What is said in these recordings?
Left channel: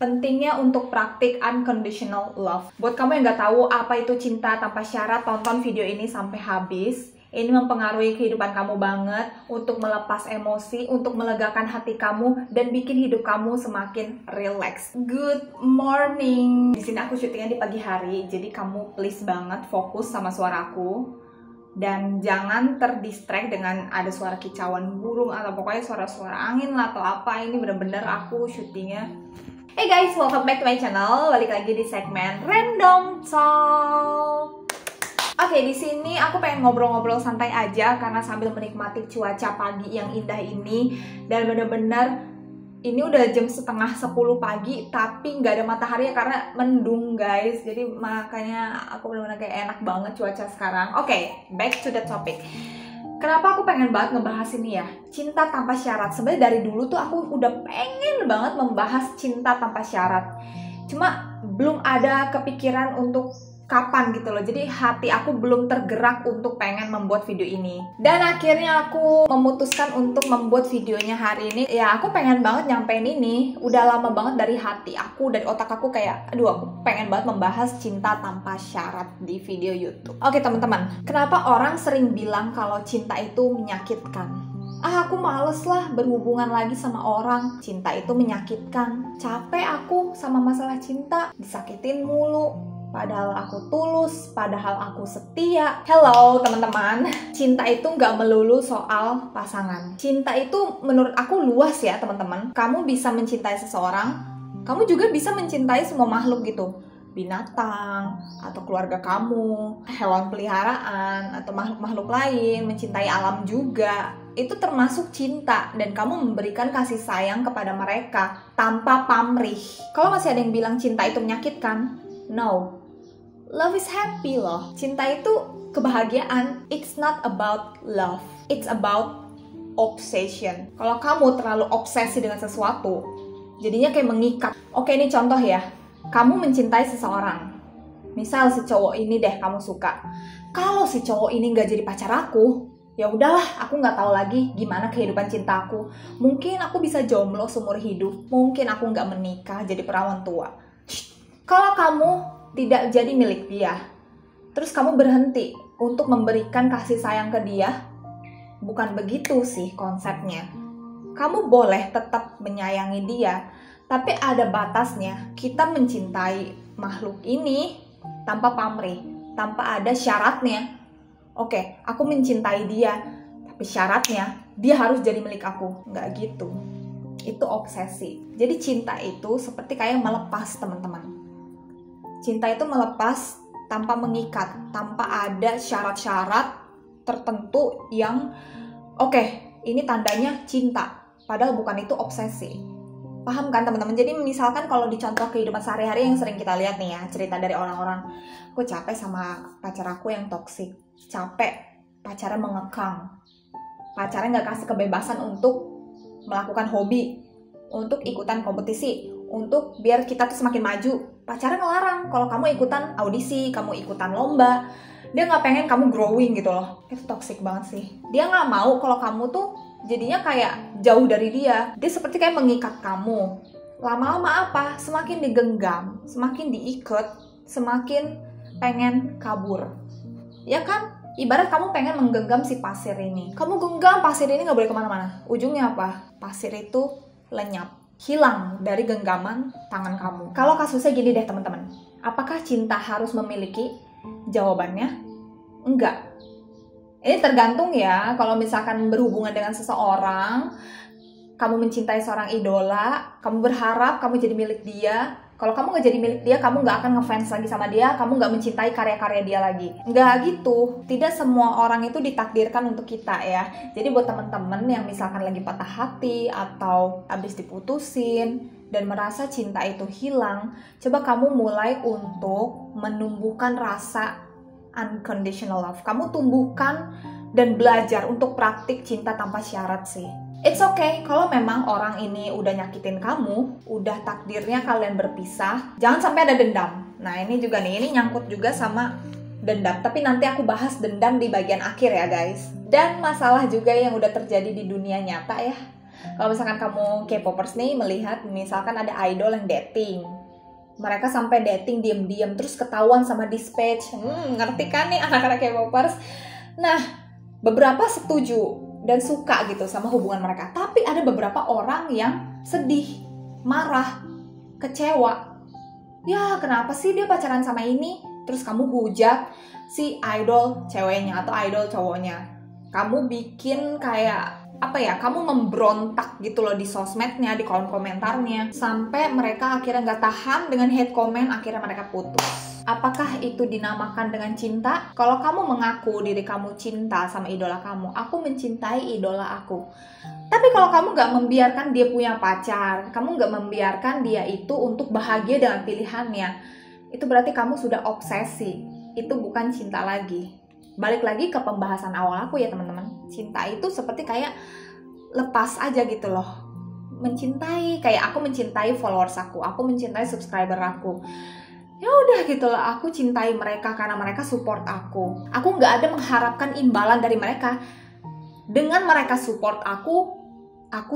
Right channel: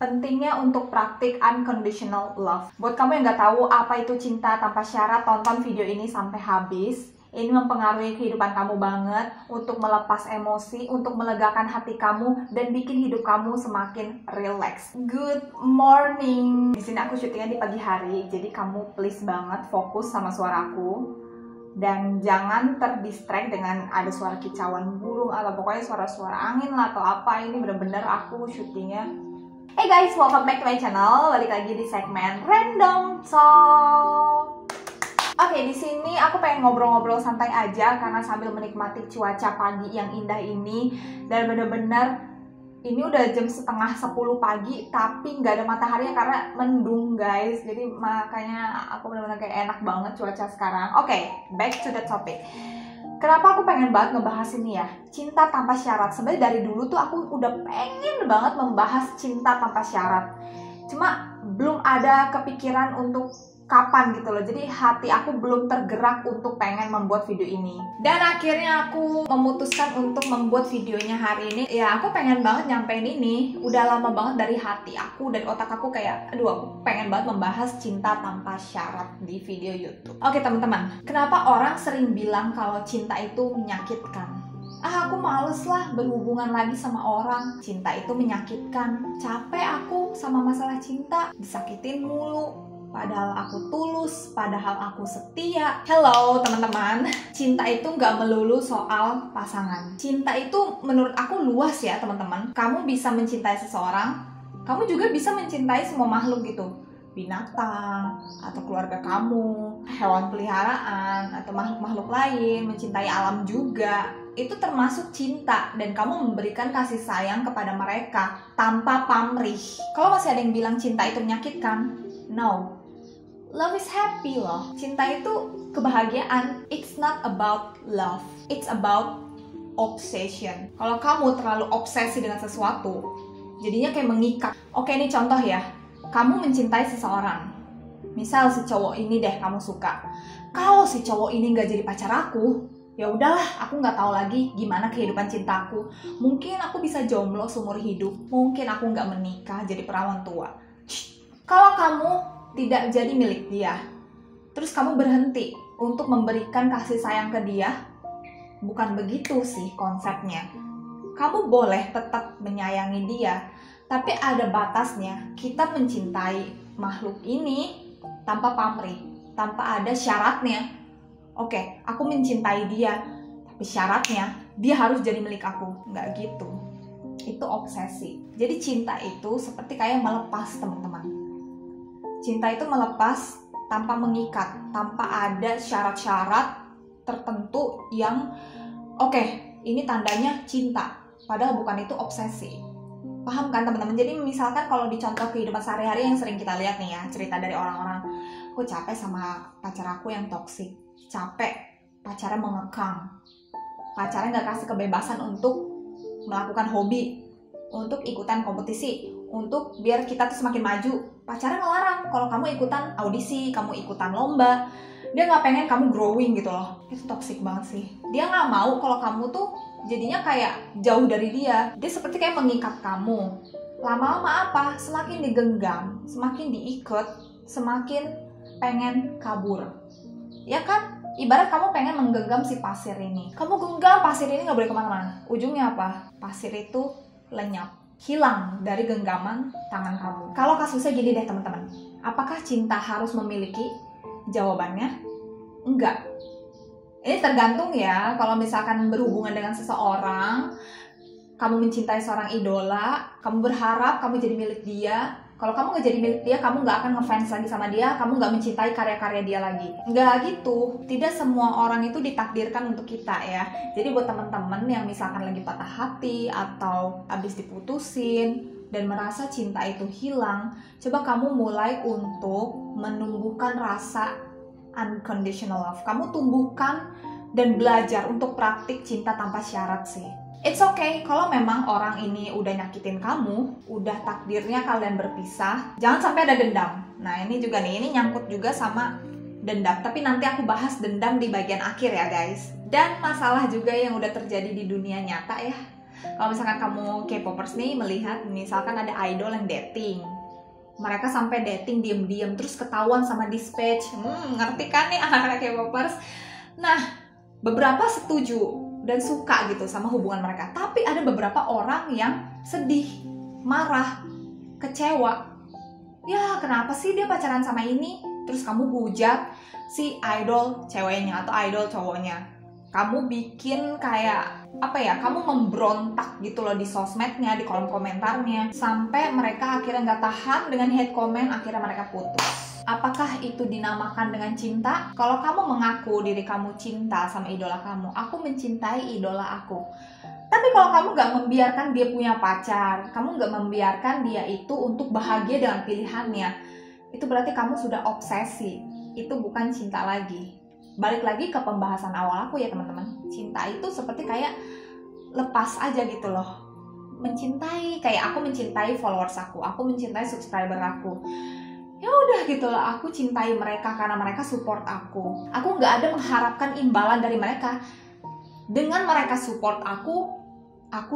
Pentingnya untuk praktik unconditional love. Buat kamu yang nggak tahu apa itu cinta tanpa syarat, tonton video ini sampai habis. Ini mempengaruhi kehidupan kamu banget untuk melepas emosi, untuk melegakan hati kamu, dan bikin hidup kamu semakin relax. Good morning. Di sini aku syutingnya di pagi hari, jadi kamu please banget fokus sama suaraku. Dan jangan terdistract dengan ada suara kicauan burung atau pokoknya suara-suara angin lah atau apa. Ini bener-bener aku syutingnya. Hey guys, welcome back to my channel. Balik lagi di segmen Random Talk. Oke, di sini aku pengen ngobrol-ngobrol santai aja karena sambil menikmati cuaca pagi yang indah ini. Dan bener-bener ini udah jam setengah 10 pagi tapi nggak ada matahari karena mendung guys. Jadi makanya aku bener-bener kayak enak banget cuaca sekarang. Oke, back to the topic. Kenapa aku pengen banget ngebahas ini ya? Cinta tanpa syarat. Sebenarnya dari dulu tuh aku udah pengen banget membahas cinta tanpa syarat. Cuma belum ada kepikiran untuk kapan gitu loh. Jadi hati aku belum tergerak untuk pengen membuat video ini. Dan akhirnya aku memutuskan untuk membuat videonya hari ini. Ya aku pengen banget nyampein ini. Udah lama banget dari hati aku, dari otak aku kayak, aduh aku pengen banget membahas cinta tanpa syarat di video YouTube. Oke teman-teman, kenapa orang sering bilang kalau cinta itu menyakitkan? Aku males lah berhubungan lagi sama orang. Cinta itu menyakitkan. Capek aku sama masalah cinta, disakitin mulu. Padahal aku tulus, padahal aku setia. Hello teman-teman, cinta itu nggak melulu soal pasangan. Cinta itu menurut aku luas ya teman-teman. Kamu bisa mencintai seseorang, kamu juga bisa mencintai semua makhluk gitu. Binatang, atau keluarga kamu, hewan peliharaan, atau makhluk-makhluk lain, mencintai alam juga. Itu termasuk cinta dan kamu memberikan kasih sayang kepada mereka tanpa pamrih. Kalau masih ada yang bilang cinta itu menyakitkan, no. Love is happy loh. Cinta itu kebahagiaan. It's not about love. It's about obsession. Kalau kamu terlalu obsesi dengan sesuatu, jadinya kayak mengikat. Oke, ini contoh ya. Kamu mencintai seseorang. Misal si cowok ini deh kamu suka. Kalau si cowok ini nggak jadi pacar aku, ya udahlah, aku nggak tahu lagi gimana kehidupan cintaku. Mungkin aku bisa jomblo seumur hidup. Mungkin aku nggak menikah jadi perawan tua. Kalau kamu tidak jadi milik dia, terus kamu berhenti untuk memberikan kasih sayang ke dia, bukan begitu sih konsepnya. Kamu boleh tetap menyayangi dia, tapi ada batasnya. Kita mencintai makhluk ini tanpa pamrih, tanpa ada syaratnya. Oke, aku mencintai dia, tapi syaratnya dia harus jadi milik aku. Nggak gitu. Itu obsesi. Jadi cinta itu seperti kayak melepas teman-teman. Cinta itu melepas tanpa mengikat, tanpa ada syarat-syarat tertentu yang oke, ini tandanya cinta, padahal bukan itu obsesi. Paham kan teman-teman? Jadi misalkan kalau di contoh kehidupan sehari-hari yang sering kita lihat nih ya, cerita dari orang-orang, aku capek sama pacar aku yang toksik, capek pacarnya mengekang, pacarnya nggak kasih kebebasan untuk melakukan hobi, untuk ikutan kompetisi, untuk biar kita tuh semakin maju. Pacarnya ngelarang kalau kamu ikutan audisi, kamu ikutan lomba. Dia nggak pengen kamu growing gitu loh. Itu toxic banget sih. Dia nggak mau kalau kamu tuh jadinya kayak jauh dari dia. Dia seperti kayak mengikat kamu. Lama-lama apa? Semakin digenggam, semakin diikat, semakin pengen kabur. Ya kan? Ibarat kamu pengen menggenggam si pasir ini. Kamu genggam pasir ini nggak boleh kemana-mana. Ujungnya apa? Pasir itu lenyap, hilang dari genggaman tangan kamu. Kalau kasusnya gini deh teman-teman, apakah cinta harus memiliki? Jawabannya enggak. Ini tergantung ya. Kalau misalkan berhubungan dengan seseorang, kamu mencintai seorang idola, kamu berharap kamu jadi milik dia. Kalau kamu nggak jadi milik dia, kamu nggak akan ngefans lagi sama dia, kamu nggak mencintai karya-karya dia lagi. Nggak gitu. Tidak semua orang itu ditakdirkan untuk kita ya. Jadi buat teman-teman yang misalkan lagi patah hati atau habis diputusin dan merasa cinta itu hilang, coba kamu mulai untuk menumbuhkan rasa unconditional love. Kamu tumbuhkan dan belajar untuk praktik cinta tanpa syarat sih. It's okay kalau memang orang ini udah nyakitin kamu, udah takdirnya kalian berpisah, jangan sampai ada dendam. Nah ini juga nih, ini nyangkut juga sama dendam, tapi nanti aku bahas dendam di bagian akhir ya guys. Dan masalah juga yang udah terjadi di dunia nyata ya. Kalau misalkan kamu K-popers nih melihat misalkan ada idol yang dating, mereka sampai dating diam-diam terus ketahuan sama dispatch. Ngerti kan nih anak-anak K-popers? Nah, beberapa setuju dan suka gitu sama hubungan mereka. Tapi ada beberapa orang yang sedih, marah, kecewa. Ya, kenapa sih dia pacaran sama ini? Terus kamu hujat si idol ceweknya atau idol cowoknya. Kamu bikin kayak kamu memberontak gitu loh di sosmednya, di kolom komentarnya, sampai mereka akhirnya nggak tahan dengan hate comment, akhirnya mereka putus. Apakah itu dinamakan dengan cinta? Kalau kamu mengaku diri kamu cinta sama idola kamu, aku mencintai idola aku. Tapi kalau kamu nggak membiarkan dia punya pacar, kamu nggak membiarkan dia itu untuk bahagia dengan pilihannya, itu berarti kamu sudah obsesi. Itu bukan cinta lagi. Balik lagi ke pembahasan awal aku ya teman-teman. Cinta itu seperti kayak lepas aja gitu loh. Mencintai, kayak aku mencintai followers aku mencintai subscriber aku. Ya udah gitu loh, aku cintai mereka karena mereka support aku. Aku nggak ada mengharapkan imbalan dari mereka. Dengan mereka support aku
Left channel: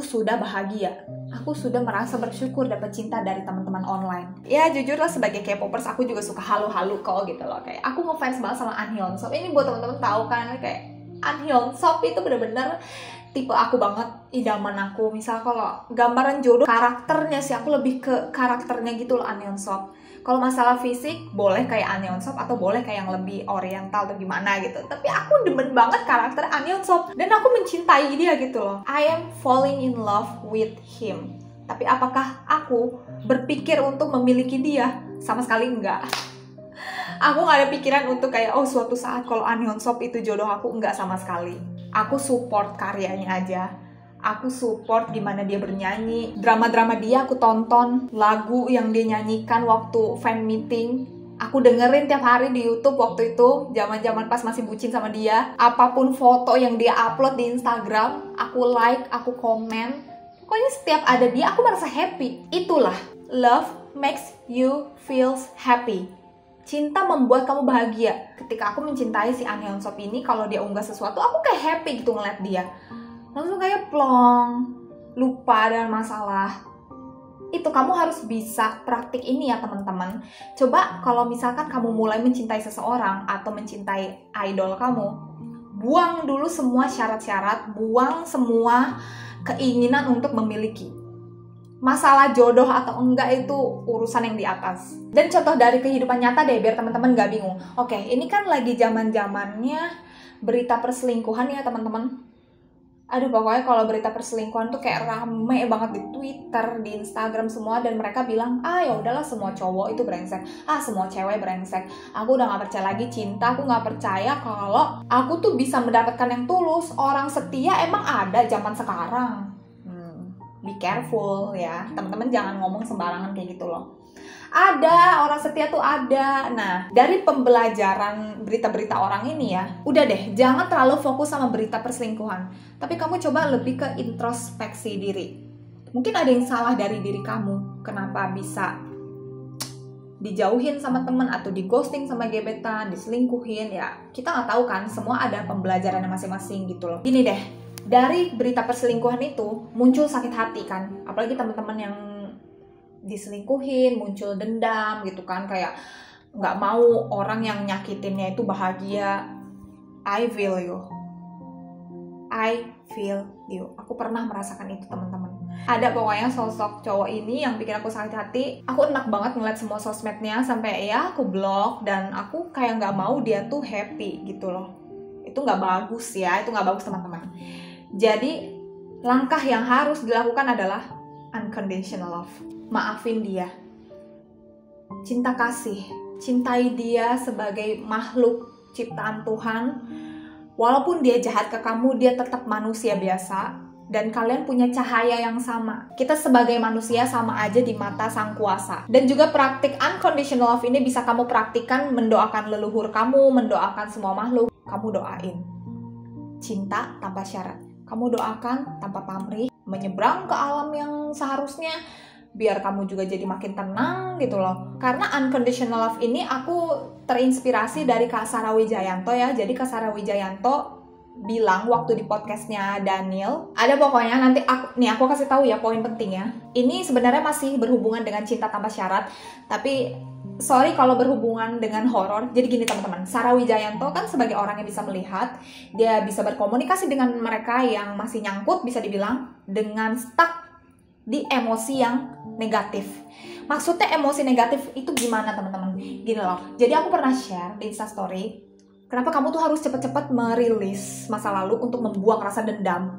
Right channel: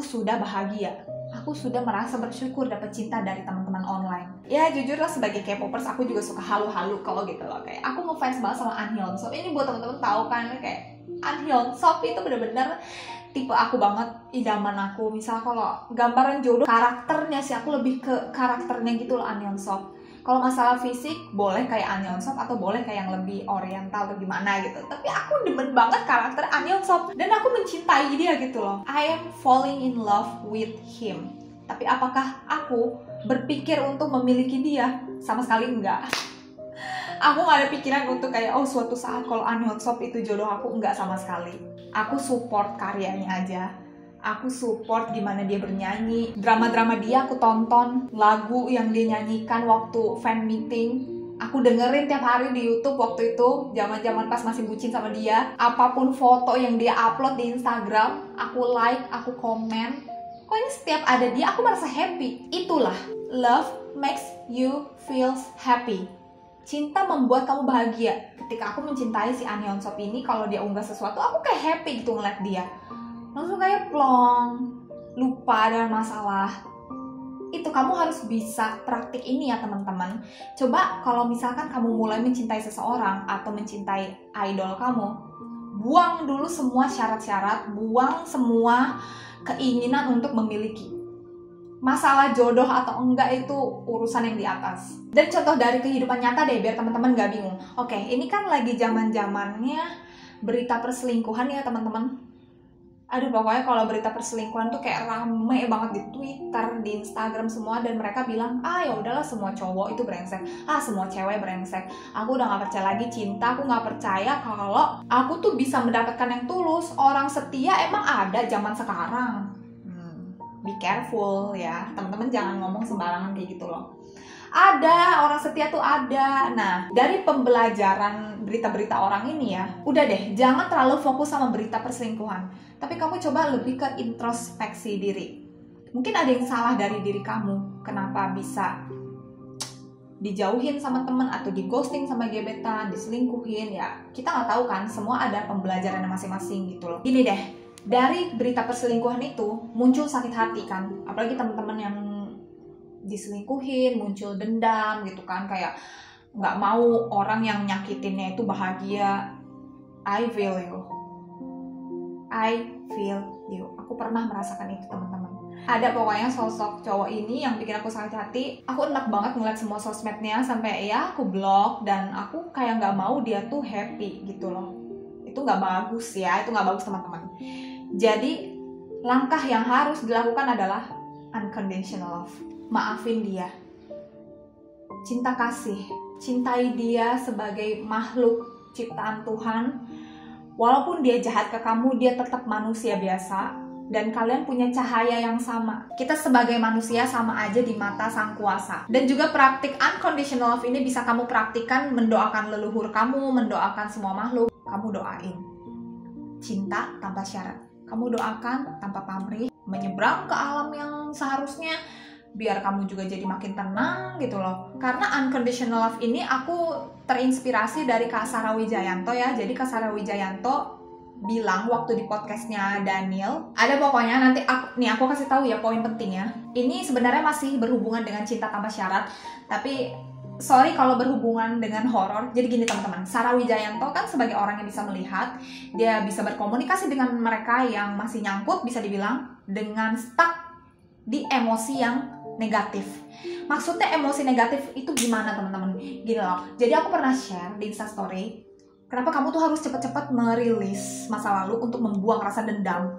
sudah bahagia. Aku sudah merasa bersyukur dapat cinta dari teman-teman online. Ya jujur lah, sebagai K-popers aku juga suka halu-halu kok gitu loh. Kayak aku ngefans banget sama An Hyun-sop. Ini buat teman-teman tahu kan, kayak An Hyun-sop itu bener-bener tipe aku banget, idaman aku. Misal kalau gambaran jodoh, karakternya sih aku lebih ke karakternya gitu loh An Hyun-sop. Kalau masalah fisik boleh kayak An Hyun-sop atau boleh kayak yang lebih oriental atau gimana gitu. Tapi aku demen banget karakter An Hyun-sop dan aku mencintai dia gitu loh. I am falling in love with him. Tapi apakah aku berpikir untuk memiliki dia? Sama sekali enggak. Aku gak ada pikiran untuk kayak suatu saat kalau An Hyun-sop itu jodoh aku, enggak sama sekali. Aku support karyanya aja. Aku support gimana dia bernyanyi, drama-drama dia aku tonton, lagu yang dia nyanyikan waktu fan meeting aku dengerin tiap hari di YouTube waktu itu, zaman-zaman pas masih bucin sama dia. Apapun foto yang dia upload di Instagram, aku like, aku komen. Pokoknya setiap ada dia aku merasa happy. Itulah love makes you feels happy. Cinta membuat kamu bahagia. Ketika aku mencintai si An Hyun-sop ini, kalau dia unggah sesuatu aku kayak happy gitu ngeliat dia. Langsung kayak plong, lupa dan masalah. Itu kamu harus bisa praktik ini ya teman-teman. Coba kalau misalkan kamu mulai mencintai seseorang atau mencintai idol kamu, buang dulu semua syarat-syarat, buang semua keinginan untuk memiliki. Masalah jodoh atau enggak itu urusan yang di atas. Dan contoh dari kehidupan nyata deh, biar teman-teman gak bingung. Oke, ini kan lagi zaman-zamannya berita perselingkuhan ya teman-teman. Aduh, pokoknya kalau berita perselingkuhan tuh kayak rame banget di Twitter, di Instagram semua, dan mereka bilang, ya udahlah semua cowok itu brengsek, semua cewek brengsek. Aku udah gak percaya lagi cinta, aku gak percaya kalau aku tuh bisa mendapatkan yang tulus. Orang setia emang ada zaman sekarang. Be careful ya, teman-teman jangan ngomong sembarangan kayak gitu loh. Ada, orang setia tuh ada. Nah, dari pembelajaran berita-berita orang ini ya, udah deh, jangan terlalu fokus sama berita perselingkuhan. Tapi kamu coba lebih ke introspeksi diri. Mungkin ada yang salah dari diri kamu. Kenapa bisa dijauhin sama temen atau di ghosting sama gebetan, diselingkuhin ya. Kita nggak tahu kan, semua ada pembelajarannya masing-masing gitu loh. Gini deh, dari berita perselingkuhan itu muncul sakit hati kan. Apalagi teman-teman yang diselingkuhin, muncul dendam gitu kan, kayak nggak mau orang yang nyakitinnya itu bahagia. I feel you. Aku pernah merasakan itu teman-teman. Ada pokoknya sosok cowok ini yang bikin aku sakit hati. Aku enak banget ngeliat semua sosmednya, sampai ya aku blok, dan aku kayak nggak mau dia tuh happy gitu loh. Itu nggak bagus ya, itu nggak bagus teman-teman. Jadi langkah yang harus dilakukan adalah unconditional love. Maafin dia, cinta kasih, cintai dia sebagai makhluk ciptaan Tuhan. Walaupun dia jahat ke kamu, dia tetap manusia biasa, dan kalian punya cahaya yang sama. Kita sebagai manusia sama aja di mata Sang Kuasa. Dan juga praktik unconditional love ini bisa kamu praktikkan mendoakan leluhur kamu, mendoakan semua makhluk. Kamu doain cinta tanpa syarat. Kamu doakan tanpa pamrih, menyeberang ke alam yang seharusnya, biar kamu juga jadi makin tenang gitu loh. Karena unconditional love ini aku terinspirasi dari Kak Sarah Wijayanto ya. Jadi Kak Sarah Wijayanto bilang waktu di podcastnya Daniel. Ada pokoknya nanti aku kasih tahu ya poin pentingnya. Ini sebenarnya masih berhubungan dengan cinta tanpa syarat, tapi sorry kalau berhubungan dengan horor. Jadi gini teman-teman, Sarah Wijayanto kan sebagai orang yang bisa melihat, dia bisa berkomunikasi dengan mereka yang masih nyangkut, bisa dibilang, dengan stuck di emosi yang negatif. Maksudnya emosi negatif itu gimana teman-teman? Gini loh, jadi aku pernah share di Instastory, kenapa kamu tuh harus cepet-cepet merilis masa lalu untuk membuang rasa dendam,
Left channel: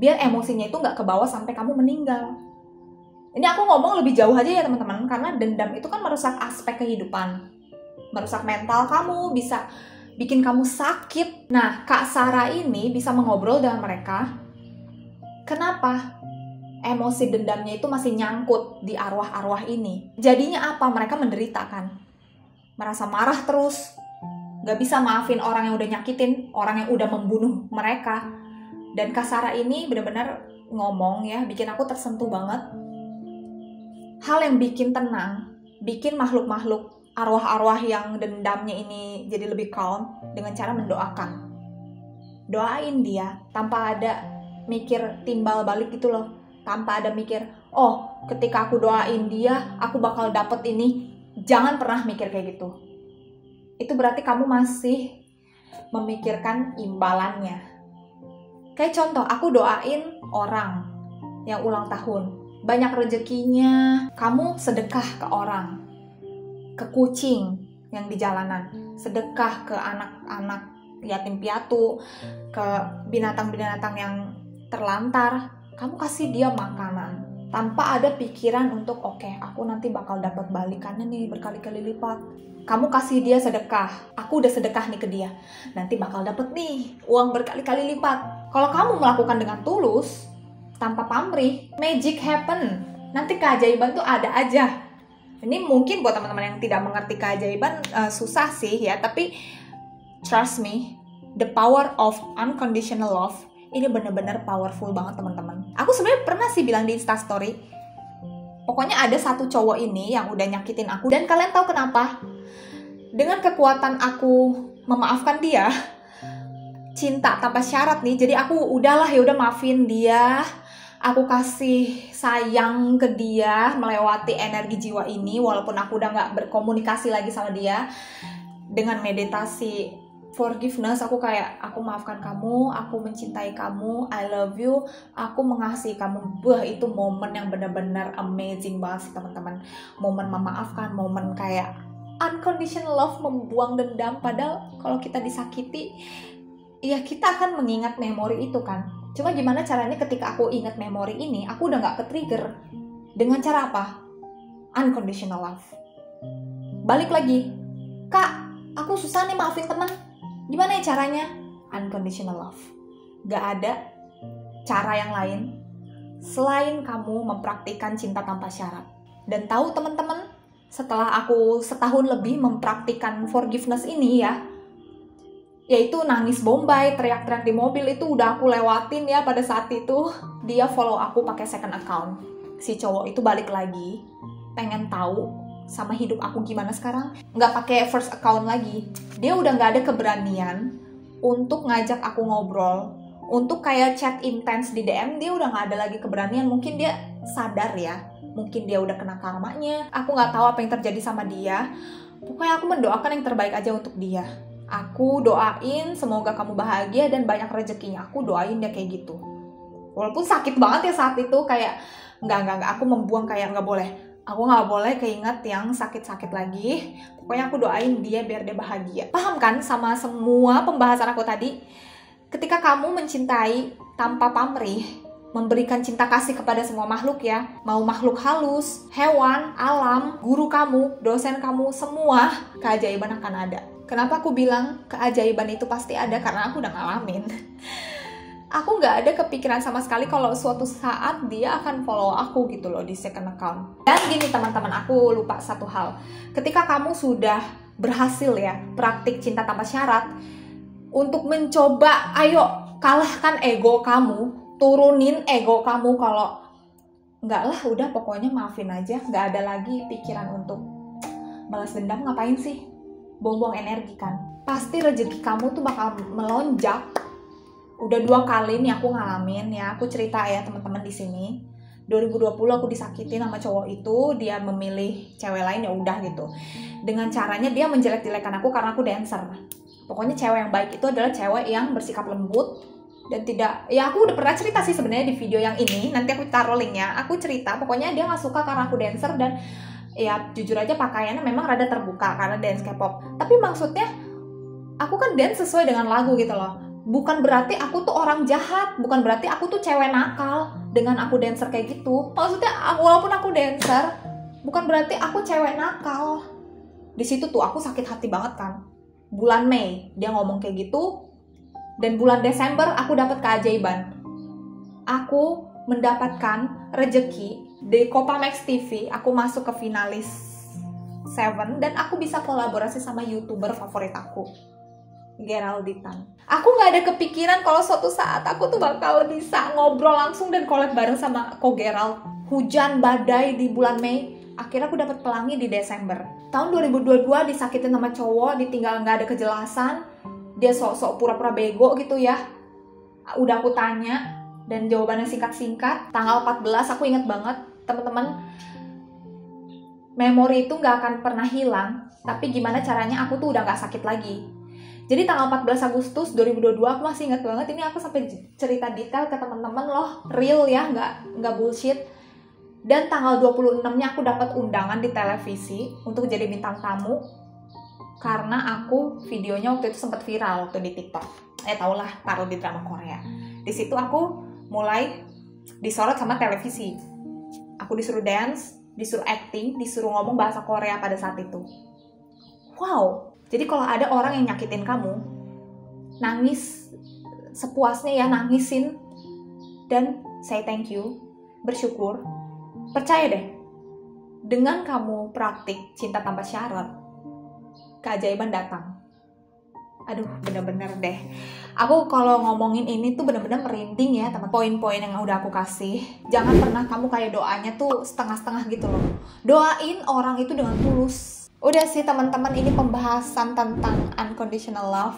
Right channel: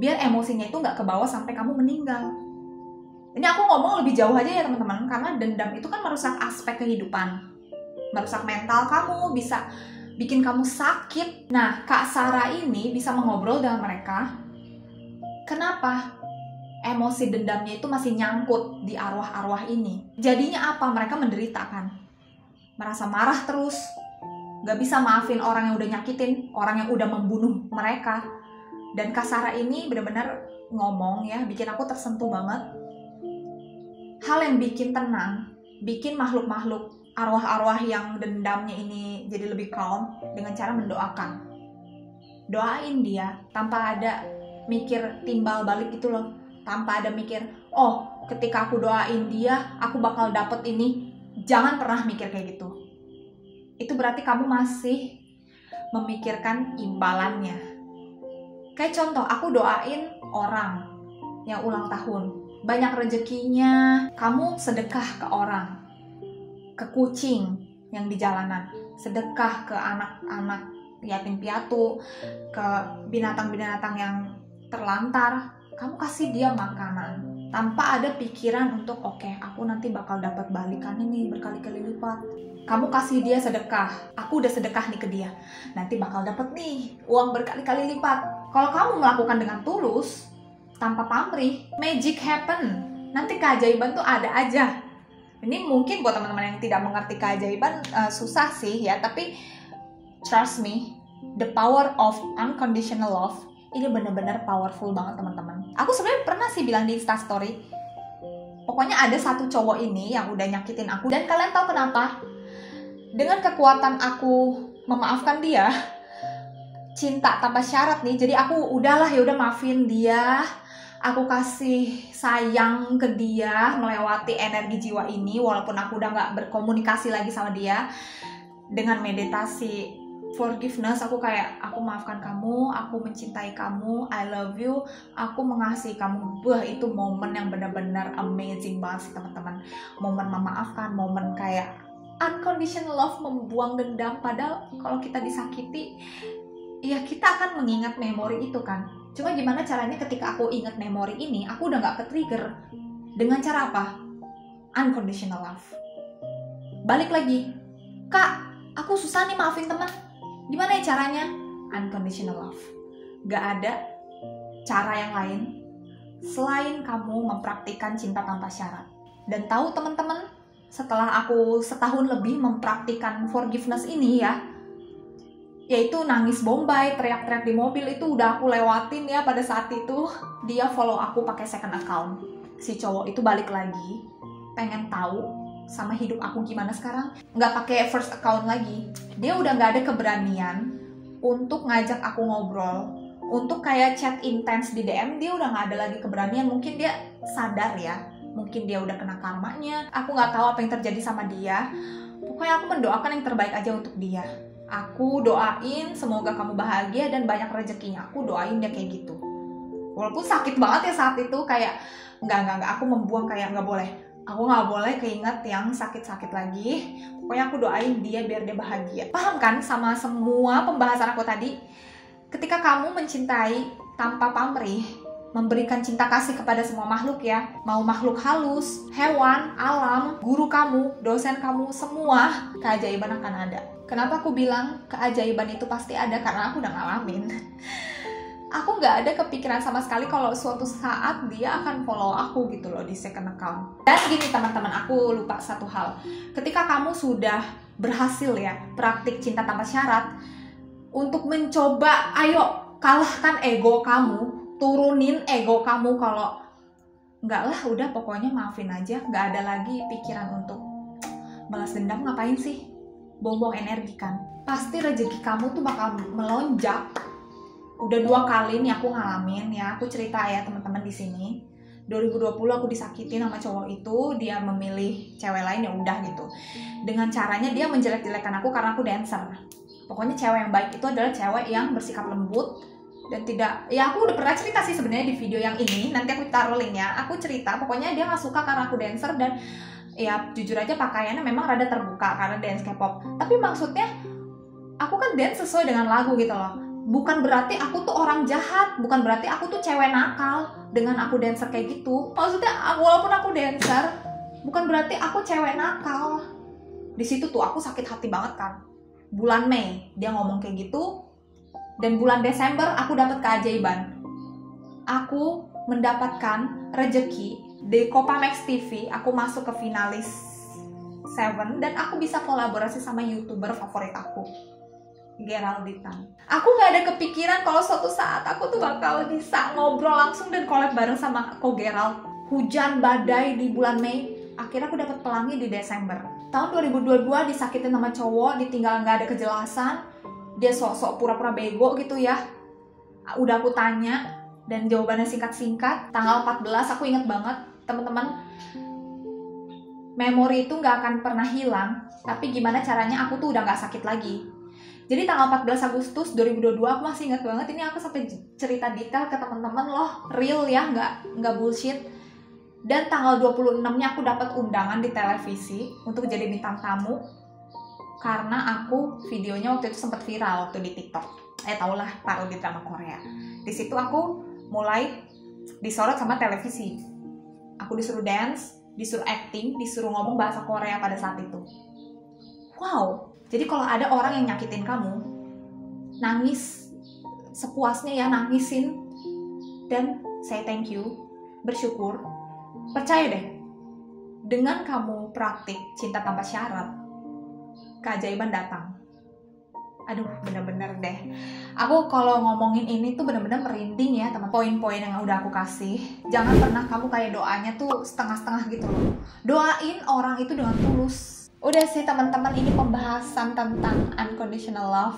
biar emosinya itu nggak kebawa sampai kamu meninggal. Ini aku ngomong lebih jauh aja ya teman-teman, karena dendam itu kan merusak aspek kehidupan, merusak mental kamu, bisa bikin kamu sakit. Nah, Kak Sarah ini bisa mengobrol dengan mereka. Kenapa? Emosi dendamnya itu masih nyangkut di arwah-arwah ini. Jadinya apa? Mereka menderita kan? Merasa marah terus, gak bisa maafin orang yang udah nyakitin, orang yang udah membunuh mereka. Dan Kak Sarah ini benar-benar ngomong ya, bikin aku tersentuh banget. Hal yang bikin tenang, bikin makhluk-makhluk arwah-arwah yang dendamnya ini jadi lebih calm dengan cara mendoakan. Doain dia tanpa ada mikir timbal balik gitu loh. Tanpa ada mikir, oh ketika aku doain dia, aku bakal dapet ini. Jangan pernah mikir kayak gitu. Itu berarti kamu masih memikirkan imbalannya. Kayak contoh, aku doain orang yang ulang tahun, banyak rezekinya, kamu sedekah ke orang, ke kucing yang di jalanan, sedekah ke anak-anak yatim piatu, ke binatang-binatang yang terlantar, kamu kasih dia makanan tanpa ada pikiran untuk oke, aku nanti bakal dapat balikannya nih berkali-kali lipat. Kamu kasih dia sedekah, aku udah sedekah nih ke dia, nanti bakal dapat nih uang berkali-kali lipat. Kalau kamu melakukan dengan tulus, tanpa pamrih, magic happen. Nanti keajaiban tuh ada aja. Ini mungkin buat teman-teman yang tidak mengerti keajaiban susah sih ya, tapi trust me, the power of unconditional love ini benar-benar powerful banget teman-teman. Aku sebenarnya pernah sih bilang di Instastory, pokoknya ada satu cowok ini yang udah nyakitin aku, dan kalian tahu kenapa? Dengan kekuatan aku memaafkan dia, cinta tanpa syarat nih, jadi aku udahlah ya udah maafin dia, aku kasih sayang ke dia melewati energi jiwa ini, walaupun aku udah nggak berkomunikasi lagi sama dia. Dengan meditasi forgiveness, aku kayak, aku maafkan kamu, aku mencintai kamu, I love you, aku mengasihi kamu. Itu momen yang benar-benar amazing banget sih teman-teman. Momen memaafkan, momen kayak unconditional love, membuang dendam. Padahal kalau kita disakiti, ya kita akan mengingat memori itu kan. Cuma gimana caranya ketika aku ingat memori ini, aku udah gak ke-trigger. Dengan cara apa? Unconditional love. Balik lagi, Kak, aku susah nih maafin teman. Gimana ya caranya? Unconditional love. Gak ada cara yang lain selain kamu mempraktikkan cinta tanpa syarat. Dan tahu teman-teman, setelah aku setahun lebih mempraktikkan forgiveness ini ya, yaitu nangis bombay, teriak-teriak di mobil, itu udah aku lewatin ya pada saat itu. Dia follow aku pakai second account. Si cowok itu balik lagi, pengen tahu sama hidup aku gimana sekarang, nggak pakai first account lagi. Dia udah nggak ada keberanian untuk ngajak aku ngobrol, untuk kayak chat intens di DM. Dia udah nggak ada lagi keberanian. Mungkin dia sadar ya, mungkin dia udah kena karmanya. Aku nggak tahu apa yang terjadi sama dia. Pokoknya aku mendoakan yang terbaik aja untuk dia. Aku doain semoga kamu bahagia dan banyak rezekinya. Aku doain dia kayak gitu. Walaupun sakit banget ya saat itu, kayak nggak, aku membuang, kayak nggak boleh. Aku gak boleh keinget yang sakit-sakit lagi. Pokoknya aku doain dia biar dia bahagia. Paham kan sama semua pembahasan aku tadi? Ketika kamu mencintai tanpa pamrih, memberikan cinta kasih kepada semua makhluk ya, mau makhluk halus, hewan, alam, guru kamu, dosen kamu, semua, keajaiban akan ada. Kenapa aku bilang keajaiban itu pasti ada? Karena aku udah ngalamin. Aku nggak ada kepikiran sama sekali kalau suatu saat dia akan follow aku gitu loh di second account. Dan gini teman-teman, aku lupa satu hal. Ketika kamu sudah berhasil ya praktik cinta tanpa syarat, untuk mencoba, ayo kalahkan ego kamu, turunin ego kamu kalau nggak lah, udah pokoknya maafin aja, nggak ada lagi pikiran untuk balas dendam. Ngapain sih? Buang-buang energi kan. Pasti rezeki kamu tuh bakal melonjak Udah 2 kali nih aku ngalamin ya. Aku cerita ya teman-teman di sini. 2020 aku disakitin sama cowok itu, dia memilih cewek lain, ya udah gitu. Dengan caranya dia menjelek-jelekan aku karena aku dancer. Pokoknya cewek yang baik itu adalah cewek yang bersikap lembut dan tidak, ya aku udah pernah cerita sih sebenarnya di video yang ini, nanti aku taruh linknya. Aku cerita pokoknya dia nggak suka karena aku dancer dan ya jujur aja pakaiannya memang rada terbuka karena dance K-pop. Tapi maksudnya aku kan dance sesuai dengan lagu gitu loh. Bukan berarti aku tuh orang jahat, bukan berarti aku tuh cewek nakal dengan aku dancer kayak gitu. Maksudnya walaupun aku dancer, bukan berarti aku cewek nakal. Di situ tuh aku sakit hati banget kan. Bulan Mei dia ngomong kayak gitu, dan bulan Desember aku dapat keajaiban. Aku mendapatkan rejeki di Copa Max TV. Aku masuk ke finalis 7 dan aku bisa kolaborasi sama YouTuber favorit aku, Geralditan. Aku gak ada kepikiran kalau suatu saat aku tuh bakal bisa ngobrol langsung dan collab bareng sama Ko Gerald. Hujan badai di bulan Mei, akhirnya aku dapat pelangi di Desember. Tahun 2022 disakitin sama cowok, ditinggal gak ada kejelasan. Dia sok-sok pura-pura bego gitu ya. Udah aku tanya dan jawabannya singkat-singkat. Tanggal 14 aku inget banget, teman-teman. Memori itu gak akan pernah hilang, tapi gimana caranya aku tuh udah gak sakit lagi. Jadi tanggal 14 Agustus 2022 aku masih ingat banget, ini aku sampai cerita detail ke teman-teman loh, real ya, nggak bullshit. Dan tanggal 26-nya aku dapat undangan di televisi untuk jadi bintang tamu karena aku videonya waktu itu sempat viral waktu di TikTok. Tau lah, parodi drama Korea. Di situ aku mulai disorot sama televisi. Aku disuruh dance, disuruh acting, disuruh ngomong bahasa Korea pada saat itu. Wow. Jadi kalau ada orang yang nyakitin kamu, nangis sepuasnya ya, nangisin dan say thank you, bersyukur. Percaya deh, dengan kamu praktik cinta tanpa syarat, keajaiban datang. Aduh, bener-bener deh. Aku kalau ngomongin ini tuh bener-bener merinding ya teman. Poin-poin yang udah aku kasih, jangan pernah kamu kayak doanya tuh setengah-setengah gitu loh. Doain orang itu dengan tulus. Udah sih teman-teman, ini pembahasan tentang unconditional love.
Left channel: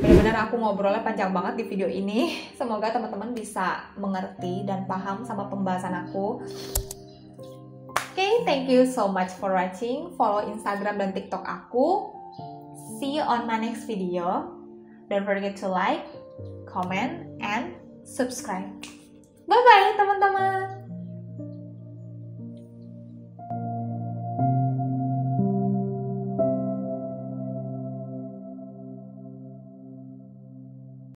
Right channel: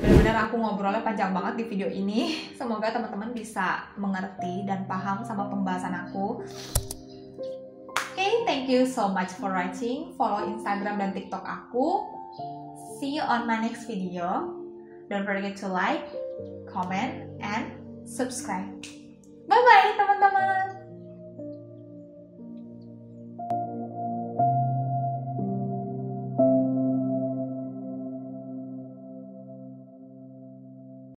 Benar-benar aku ngobrolnya panjang banget di video ini. Semoga teman-teman bisa mengerti dan paham sama pembahasan aku. Okay, thank you so much for watching. Follow Instagram dan TikTok aku. See you on my next video. Don't forget to like, comment, and subscribe. Bye-bye teman-teman.